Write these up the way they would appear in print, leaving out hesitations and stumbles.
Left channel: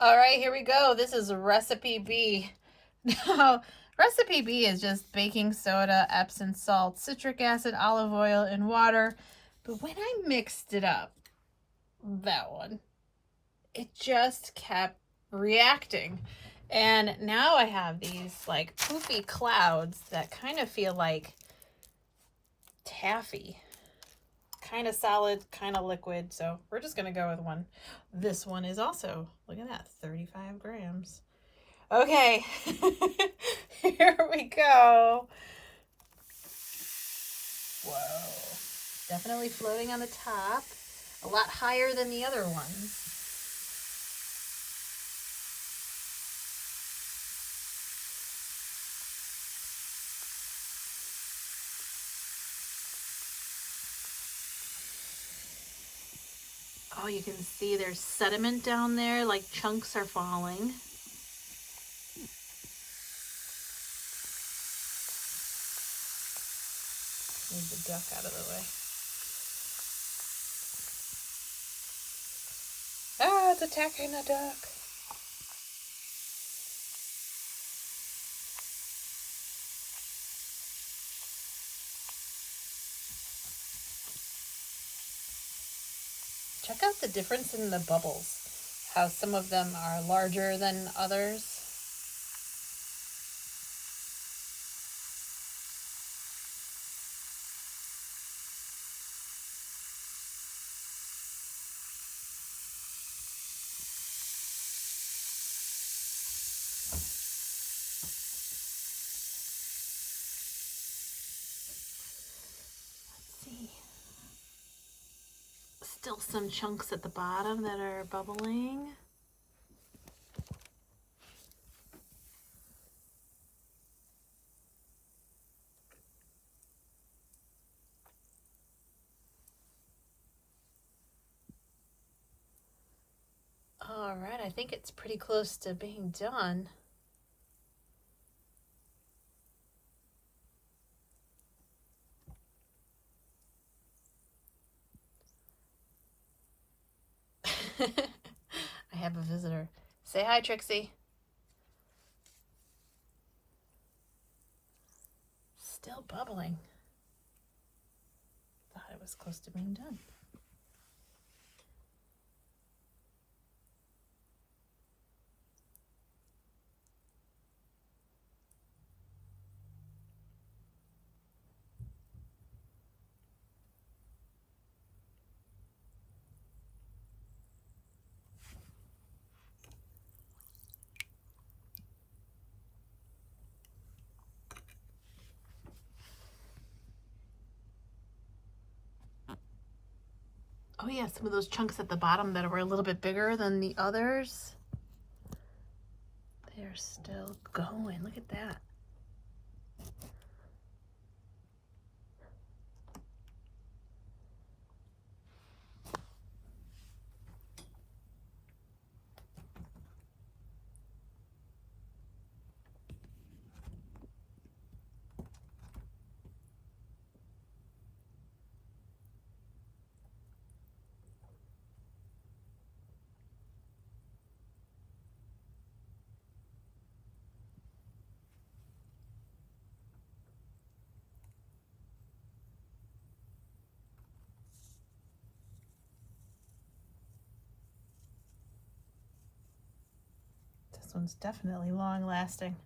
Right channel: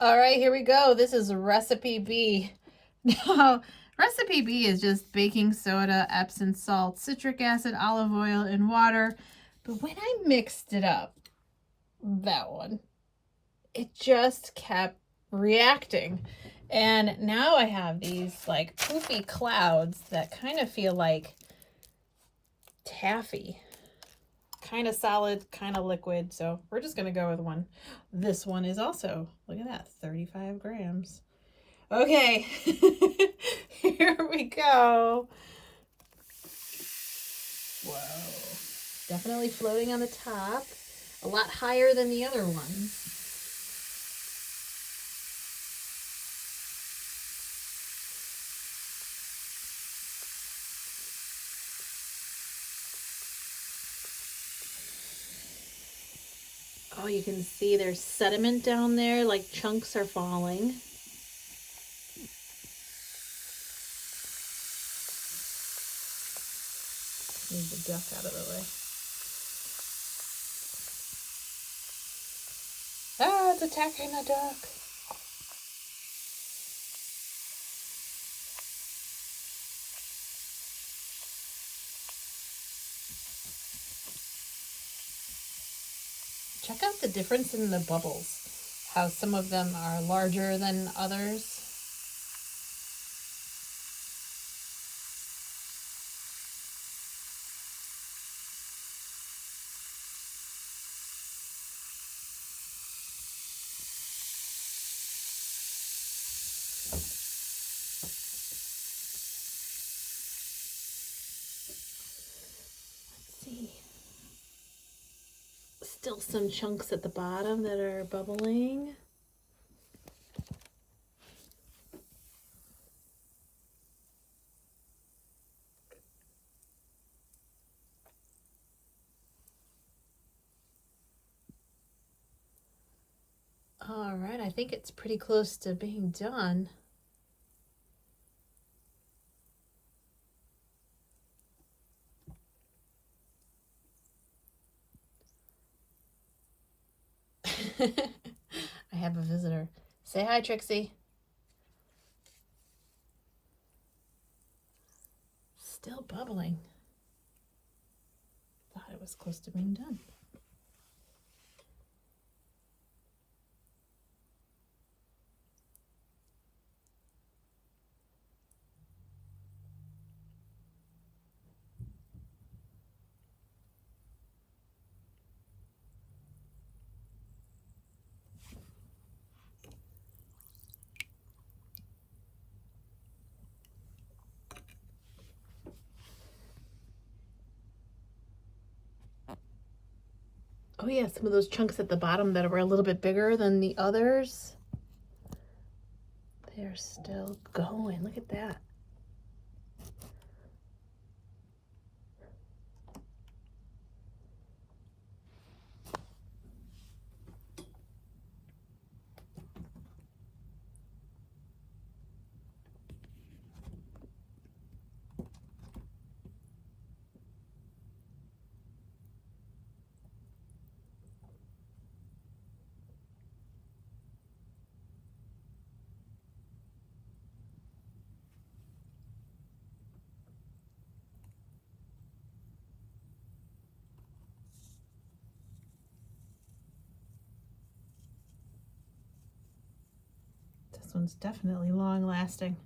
All right, here we go. This is recipe B. Now, recipe B is just baking soda, Epsom salt, citric acid, olive oil, and water. But when I mixed it up, that one, it just kept reacting. And now I have these like poofy clouds that kind of feel like taffy. Kind of solid, kind of liquid. So we're just going to go with one. This one is also, look at that, 35 grams. Okay, here we go. Whoa. Definitely floating on the top. A lot higher than the other ones. Oh, you can see there's sediment down there, like chunks are falling. Move the duck out of the way. Ah, it's attacking the duck. Check out the difference in the bubbles. How some of them are larger than others. Let's see. Still some chunks at the bottom that are bubbling. All right, I think it's pretty close to being done. I have a visitor. Say hi, Trixie. Still bubbling. Thought it was close to being done. Oh yeah, some of those chunks at the bottom that were a little bit bigger than the others. They're still going. Look at that. This one's definitely long lasting.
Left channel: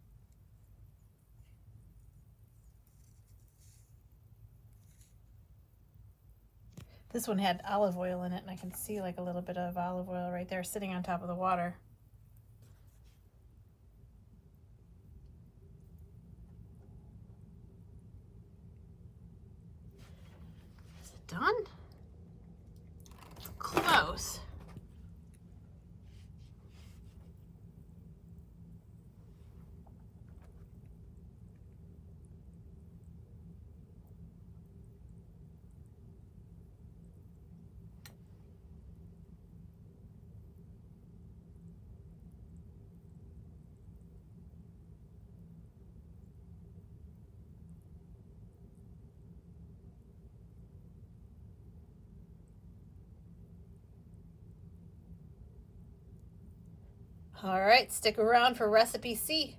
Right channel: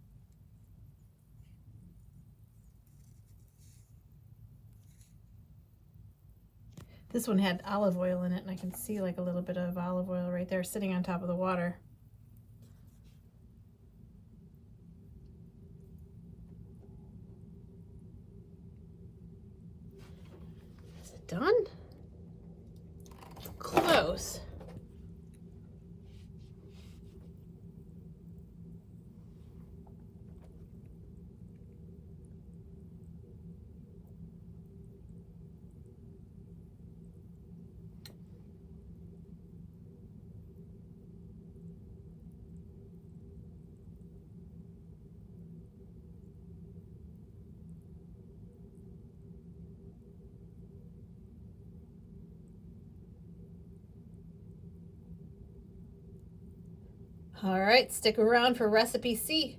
This one had olive oil in it, and I can see like a little bit of olive oil right there sitting on top of the water. Is it done? Close. All right, stick around for recipe C.